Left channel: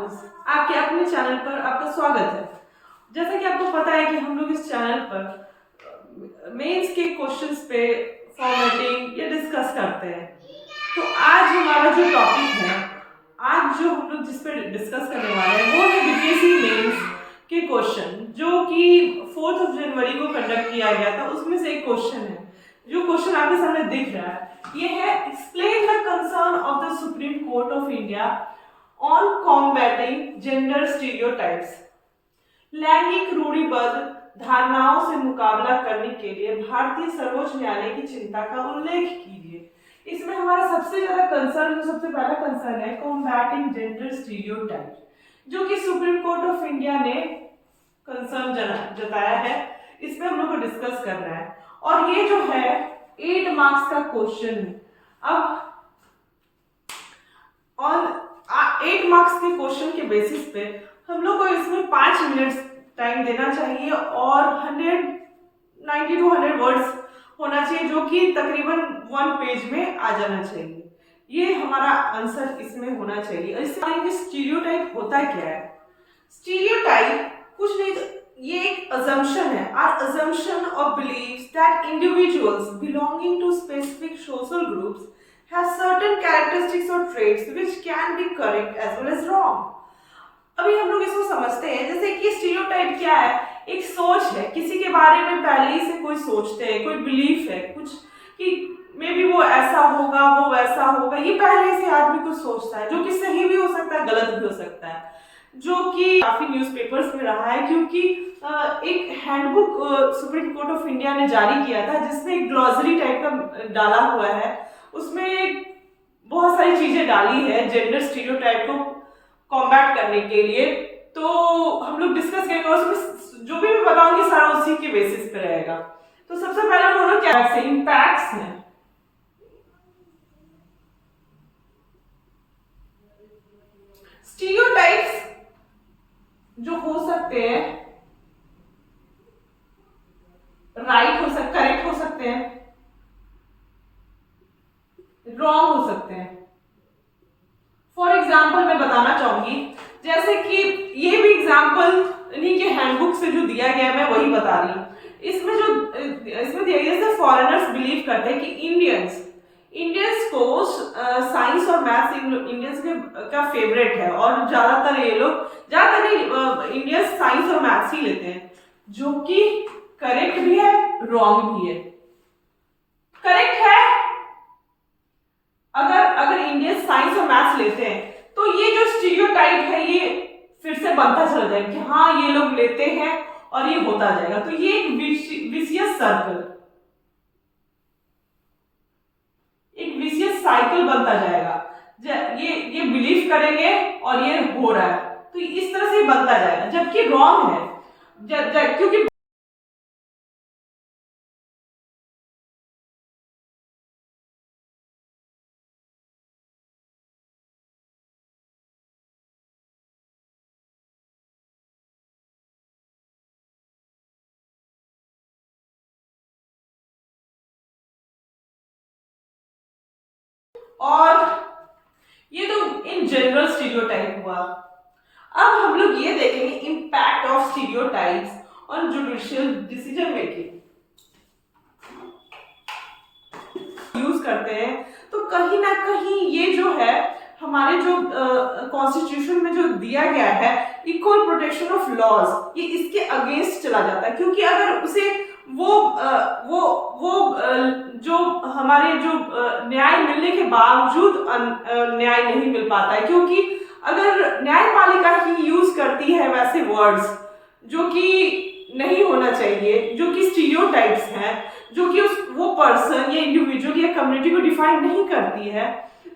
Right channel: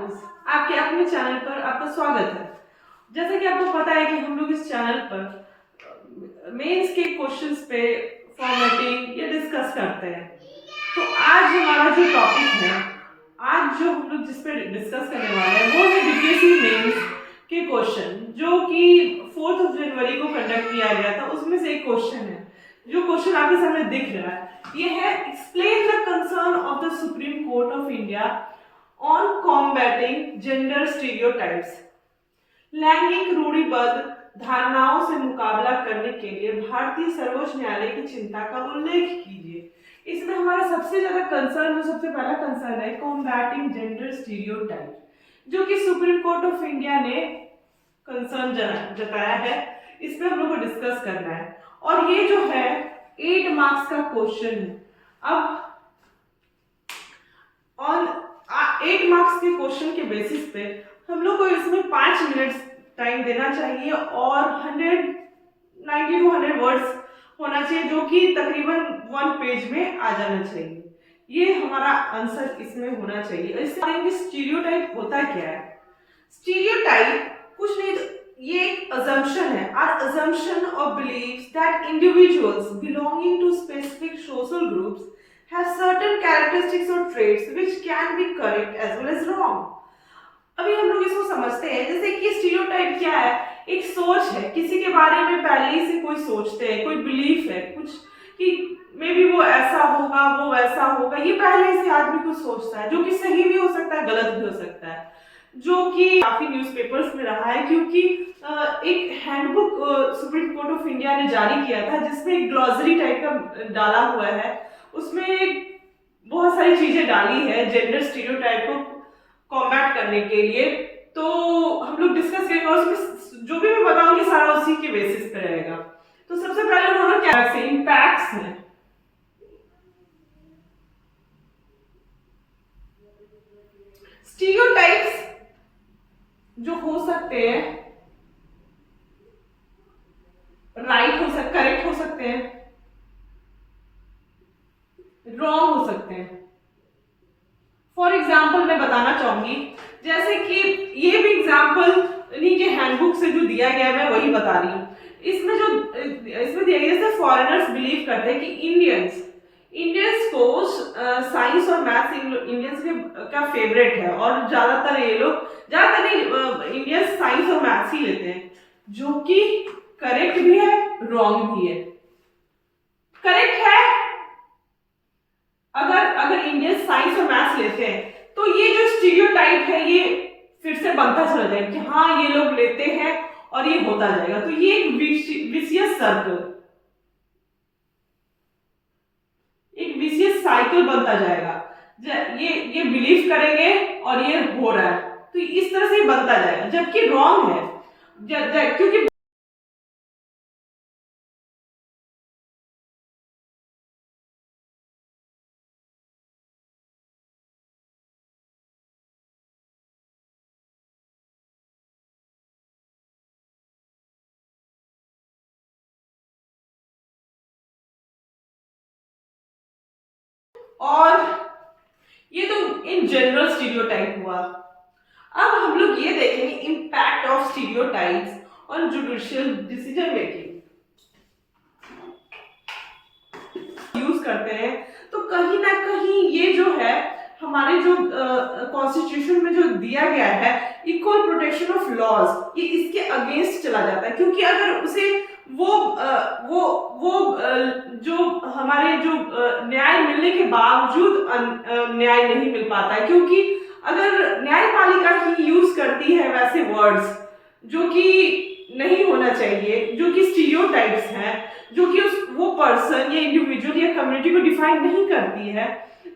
ठाकुर, आपके अपने चैनल पर आपका स्वागत है। जैसा कि आपको पता है कि हम लोग इस चैनल पर मेंस के क्वेश्चंस पे फॉर्मेटिंग ये डिस्कस करते हैं। तो आज हमारा जो टॉपिक है, आज जो हम लोग जिस पे डिस्कस करने वाले हैं वो है बीपीएससी मेंस के क्वेश्चन, जो कि 4 जनवरी को कंडक्ट किया गया था। उसमें से एक क्वेश्चन है, जो क्वेश्चन आपके सामने दिख रहा है, ये है explain the concern of the supreme court of India on combating gender stereotypes. लैंगिक रूढ़िबद्ध धारणाओं से मुकाबला करने के लिए भारतीय सर्वोच्च न्यायालय की चिंता का उल्लेख कीजिए। इसमें हमारा सबसे ज्यादा कंसर्न, जो सबसे पहला कंसर्न है, कॉम्बैटिंग जेंडर स्टीरियोटाइप, जो कि सुप्रीम कोर्ट ऑफ इंडिया ने कंसर्न जताया है। इस पे हम लोग को डिस्कस करना है और ये जो है 8 मार्क्स का क्वेश्चन है। अब ऑन 8 मार्क्स के क्वेश्चन के बेसिस पे हम लोग को इसमें 5 मिनट्स टाइम देना चाहिए और 190 to 100 वर्ड्स होना चाहिए, जो कि तकरीबन 1 पेज में आ जाना चाहिए। ये हमारा आंसर इसमें होना चाहिए। इसमें स्टीरियोटाइप होता क्या है? स्टीरियोटाइप कुछ नहीं, ये एक assumption है, our assumption or beliefs that individuals belonging to specific social groups have certain characteristics or traits which can be correct as well as wrong। अभी हम लोग इसको समझते हैं, जैसे कि स्टीरियोटाइप क्या है? एक सोच है, किसी के बारे में पहले ही से कोई सोचते हैं, कोई बिलीफ है कुछ कि मे बी वो ऐसा होगा, वो वैसा होगा, ये पहले से आदमी कुछ सोचता है, जो कि सही भी हो सकता है, गलत भी हो सकता है, जो कि काफी न्यूज़पेपर्स में रहा है। क्योंकि एक handbook supreme court of India ने जारी किया था, जिसमें एक ग्लॉसरी टाइप का डाला हुआ है, उसमें बहुत सारी चीजें डाली है जेंडर स्टीरियोटाइप को कॉम्बैट करने के लिए। तो हम लोग डिस्कस करेंगे और उसमें जो भी मैं बताऊंगी सारा उसी के बेसिस पे रहेगा। तो सबसे पहले हम लोग क्या से इम्पैक्ट्स हैं। स्टीरियोटाइप्स जो हो सकते हैं, राइट हो सकते, करेक्ट हो सकते हैं, रॉन्ग हो सकते हैं। फॉर एग्जाम्पल मैं बताना चाहूंगी, जैसे कि ये भी एग्जाम्पल इन्हीं के हैंडबुक से जो दिया गया है, मैं वही बता रही हूँ। इसमें दिया गया, फॉरेनर्स बिलीव करते हैं कि इंडियंस को साइंस और मैथ्स इंडियंस का फेवरेट है, और ज्यादातर इंडियंस साइंस और मैथ्स ही लेते हैं, जो कि करेक्ट भी है, रॉन्ग भी है। करेक्ट है, अगर इंडियन साइंस और मैथ्स लेते हैं तो ये जो स्टीरियोटाइप है ये फिर से बनता चला जाएगा कि हाँ ये लोग लेते हैं और ये होता जाएगा। तो ये एक विशियस सर्कल, एक विशियस साइकिल बनता जाएगा। ये बिलीव करेंगे और ये हो रहा है, तो इस तरह से ये बनता जाएगा, जबकि रॉन्ग है। क्योंकि और ये तो इन जनरल स्टीरियोटाइप हुआ। अब हम लोग ये देखेंगे impact of stereotypes on judicial decision making. Use करते हैं तो कहीं ना कहीं ये जो है हमारे जो कॉन्स्टिट्यूशन में जो दिया गया है इक्वल प्रोटेक्शन ऑफ लॉज, ये इसके अगेंस्ट चला जाता है। क्योंकि अगर उसे वो जो हमारे जो न्याय मिलने के बावजूद न्याय नहीं मिल पाता है, क्योंकि अगर न्यायपालिका ही यूज करती है वैसे वर्ड्स जो कि नहीं होना चाहिए, जो कि स्टीरियोटाइप्स हैं, जो कि वो पर्सन या इंडिविजुअल या कम्युनिटी को डिफाइन नहीं करती है,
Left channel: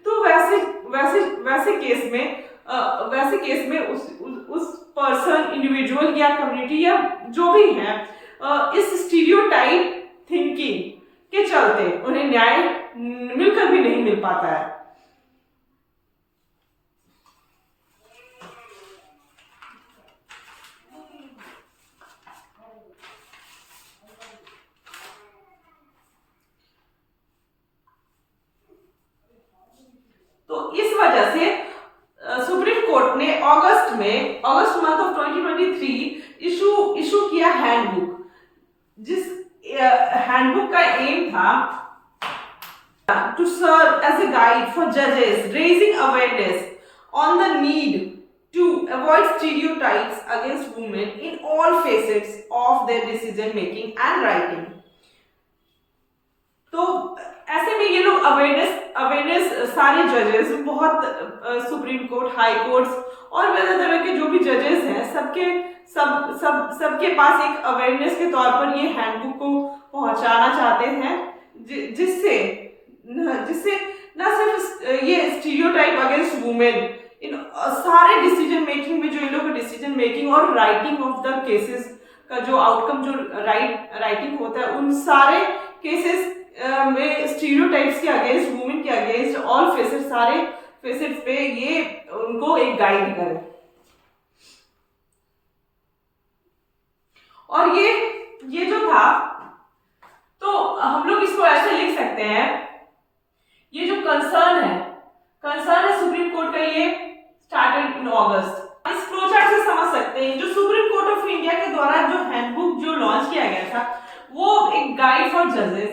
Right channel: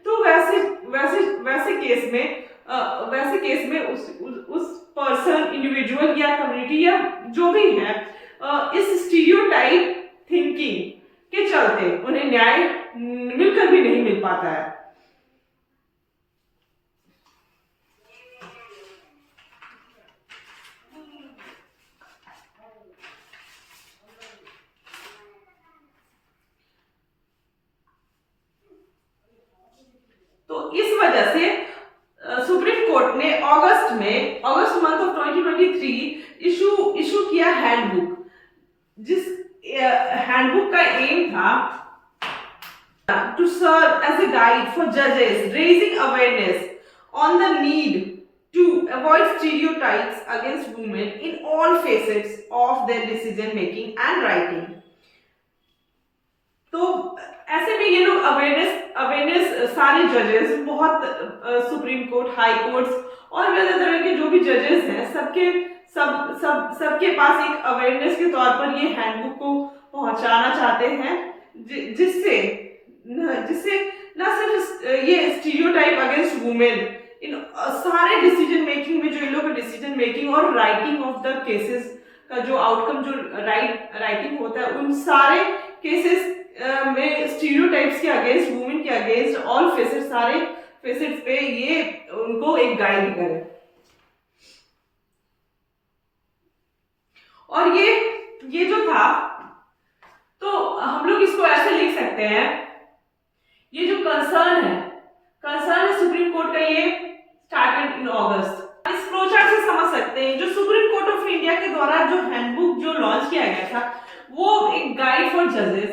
तो वैसे केस में उस पर्सन, इंडिविजुअल या कम्युनिटी या जो भी है इस स्टीरियोटाइप थिंकिंग के चलते उन्हें न्याय मिलकर भी नहीं मिल पाता है। तो इस वजह से सुप्रीम कोर्ट ने अगस्त अगस्त मंथ ऑफ 2023 इशू किया हैंडबुक, जिस हैंडबुक का एम था to serve as a guide for judges, raising awareness on the need to avoid stereotypes against women in all facets of their decision making and writing. तो ऐसे में ये लोग awareness सारे जजेस, बहुत सुप्रीम कोर्ट, हाई कोर्ट्स और वैसे तरह के जो भी जजेस हैं, सबके पास एक अवेयरनेस के तौर पर ये हैंडबुक को पहुंचाना चाहते हैं, जिससे न सिर्फ ये स्टीरियोटाइप अगेंस्ट वुमेन इन सारे डिसीजन मेकिंग में, जो इन लोगों का डिसीजन मेकिंग और राइटिंग ऑफ द केसेस का जो आउटकम, जो राइटिंग होता है, उन सारे केसेस में स्टीरियोटाइप्स के अगेंस्ट, वुमेन के अगेंस्ट ऑल फेसेट्स, सारे फेसेट्स पे ये उनको एक गाइड करे। और ये जो था, तो हम लोग इसको ऐसे लिख सकते हैं, ये जो कंसर्न है सुप्रीम कोर्ट का, ये स्टार्टेड इन अगस्त। इस फ्लोचार्ट से समझ सकते हैं जो सुप्रीम कोर्ट ऑफ इंडिया के द्वारा जो हैंडबुक जो लॉन्च किया गया था, वो एक गाइड फॉर जजेस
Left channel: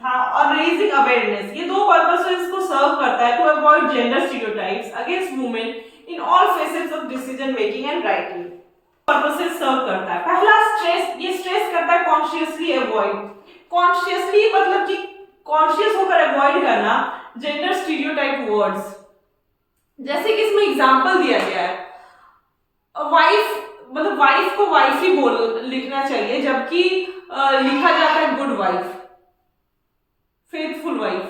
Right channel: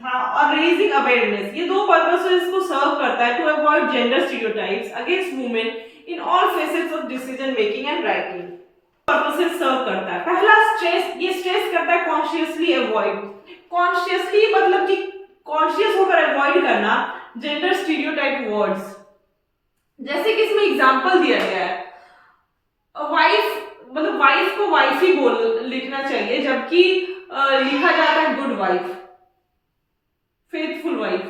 था और रेजिंग अवेयरनेस। ये दो पर्पस से इसको सर्व करता है, to avoid gender stereotypes against women in all phases of decision making and writing. Purpose से सर्व करता है। पहला स्ट्रेस करता है कॉन्शियसली अवॉइड। कॉन्शियसली मतलब कि कॉन्शियस होकर अवॉइड करना जेंडर स्टीरियोटाइप वर्ड्स। जैसे कि इसमें एग्जांपल दिया गया है, वाइफ मतलब वाइफ को वाइफ ही लिखना चाहिए, जबकि लिखा जाता है good wife, faithful wife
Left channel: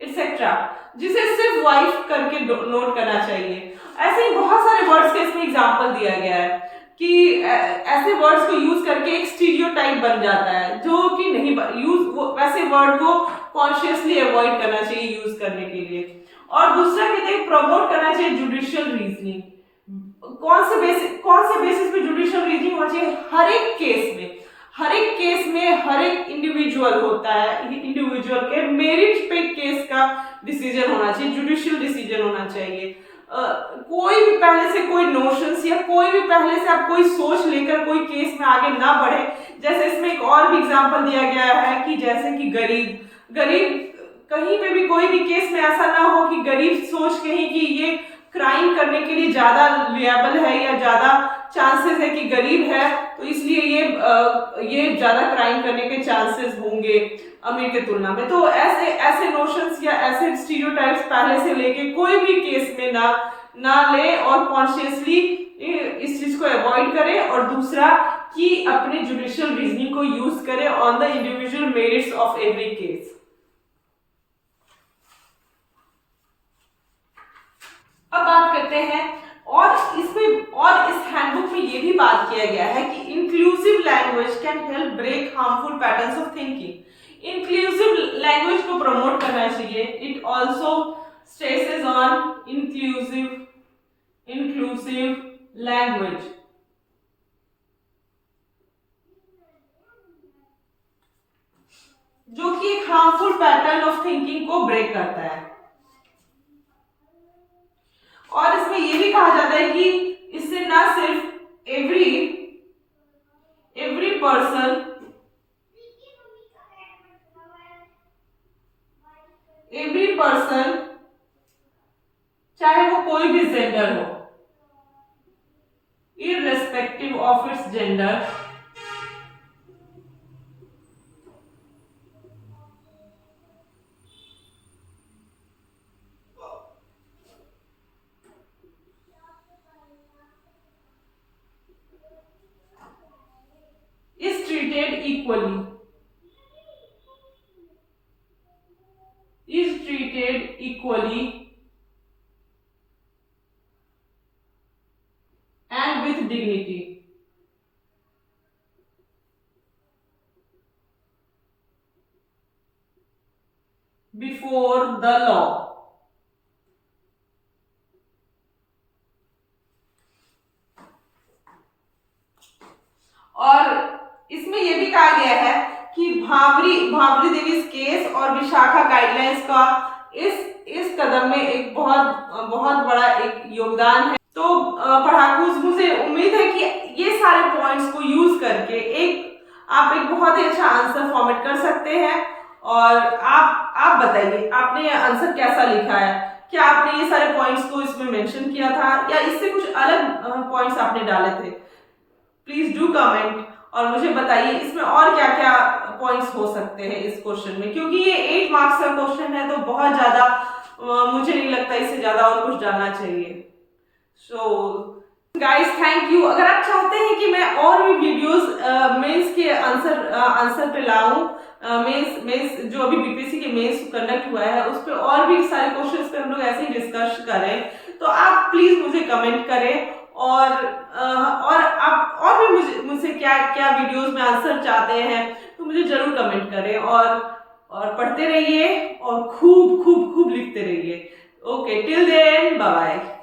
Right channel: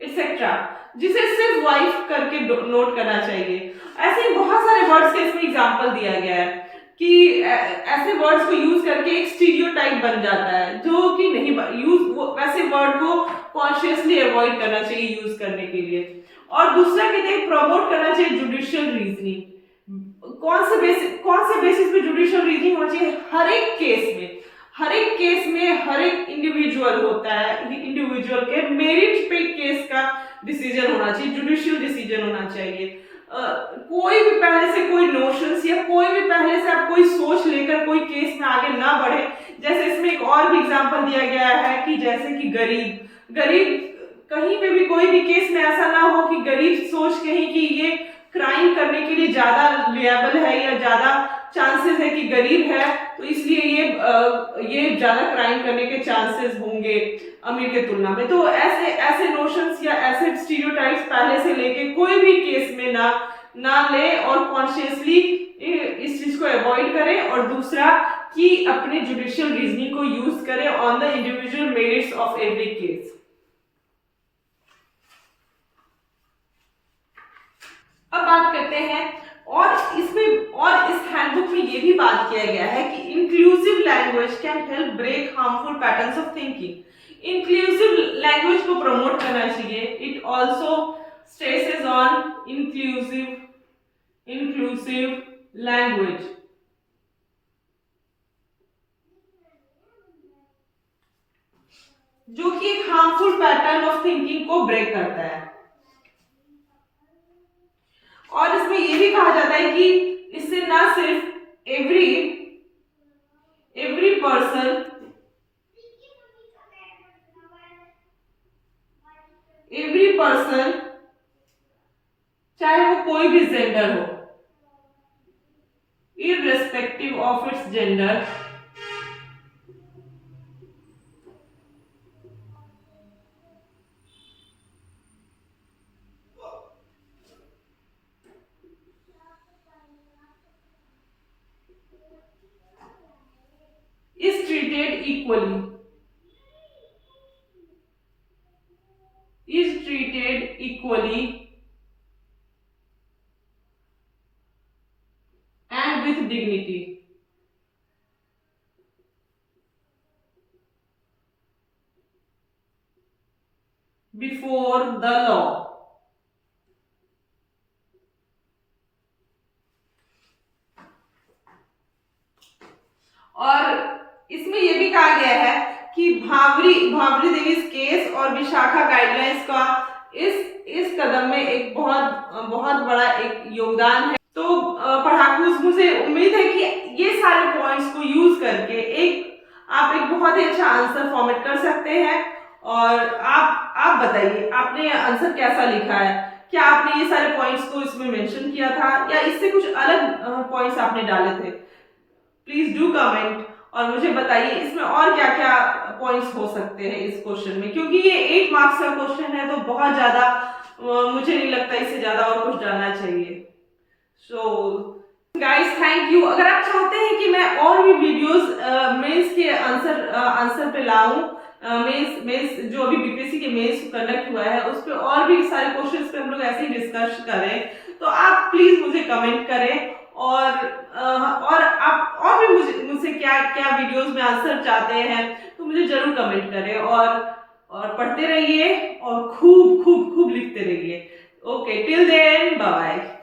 etcetera, जिसे सिर्फ वाइफ करके नोट करना चाहिए। ऐसे ही बहुत सारे वर्ड्स के इसमें एग्जांपल दिया गया है कि ऐसे वर्ड्स को यूज करके एक स्टीरियोटाइप बन जाता है, जो कि नहीं वैसे वर्ड को कॉन्शियसली अवॉइड करना चाहिए यूज करने के लिए। और दूसरा कहते हैं प्रमोट करना चाहिए जुडिशियल रीजनिंग। कौन से बेसिस पे जुडिशियल रीजनिंग होना चाहिए? हर एक केस में हर एक इंडिविजुअल होता है, इंडिविजुअल के मेरिट पे केस का डिसीजन होना चाहिए, जुडिशियल डिसीजन होना चाहिए। कोई भी पहले से कोई नोशंस या कोई भी पहले से आप कोई सोच लेकर कोई केस में आगे ना बढ़े। जैसे इसमें एक और भी एग्जांपल दिया गया है कि जैसे कि गरीब कहीं पे भी कोई भी केस में ऐसा ना हो कि गरीब सोच कहीं कि ये क्राइम करने के लिए ज्यादा लिएबल है या ज्यादा चांसेस है कि गरीब है, तो इसलिए ये ज्यादा क्राइम करने के चांसेस होंगे अमीर के तुलना में। तो ऐसे नोशंस या ऐसे स्टीरियोटाइप्स पहले से लेके कोई भी केस में ना ले और कॉन्शियसली इस चीज को अवॉइड करे। और दूसरा कि अपने जुडिशियल रीजनिंग को यूज करे on the individual merits of every case. अब बात करते हैं और इस हैंडबुक में ये भी बात किया गया है कि inclusive language can help break harmful patterns of thinking. Inclusive language को प्रमोट करना चाहिए। It also stresses on inclusive language, जो कि एक हार्मफुल पैटर्न ऑफ थिंकिंग को ब्रेक करता है। और इसमें यह भी कहा जाता है कि इससे ना सिर्फ एवरी पर्सन चाहे वो कोई भी जेंडर हो, irrespective of its gender, is treated equally and with dignity before the law। और इसमें यह भी कहा गया है कि भावरी देवी केस और विशाखा गाइडलाइंस का इस कदम में एक बहुत बड़ा एक योगदान है। तो पढ़ाकूज, मुझे उम्मीद है कि ये सारे पॉइंट्स को यूज करके आप एक बहुत ही अच्छा आंसर फॉर्मेट कर सकते हैं। और आप बताइए आपने आंसर कैसा लिखा है, क्या आपने ये सारे पॉइंट्स को इसमें मेंशन किया था या इससे कुछ अलग पॉइंट्स आपने डाले थे। प्लीज डू कमेंट और मुझे बताइए इसमें और क्या क्या पॉइंट्स हो सकते हैं इस क्वेश्चन में, क्योंकि ये 8 मार्क्स का क्वेश्चन है तो बहुत ज्यादा मुझे नहीं लगता इससे ज्यादा और कुछ डालना चाहिए। So guys thank you. अगर आप चाहते हैं कि मैं और भी वीडियोस मेंस के आंसर पे लाऊं, मेंस जो अभी बीपीएससी के मेंस कंडक्ट हुआ है उस पे और भी सारे क्वेश्चंस पे हम लोग ऐसे ही डिस्कस करें, तो आप प्लीज मुझे कमेंट करें। और आप और भी मुझसे क्या क्या वीडियोस में आंसर चाहते हैं तो मुझे जरूर कमेंट करें। और पढ़ते रहिए और खूब खूब खूब लिखते रहिए। Okay, till then bye bye.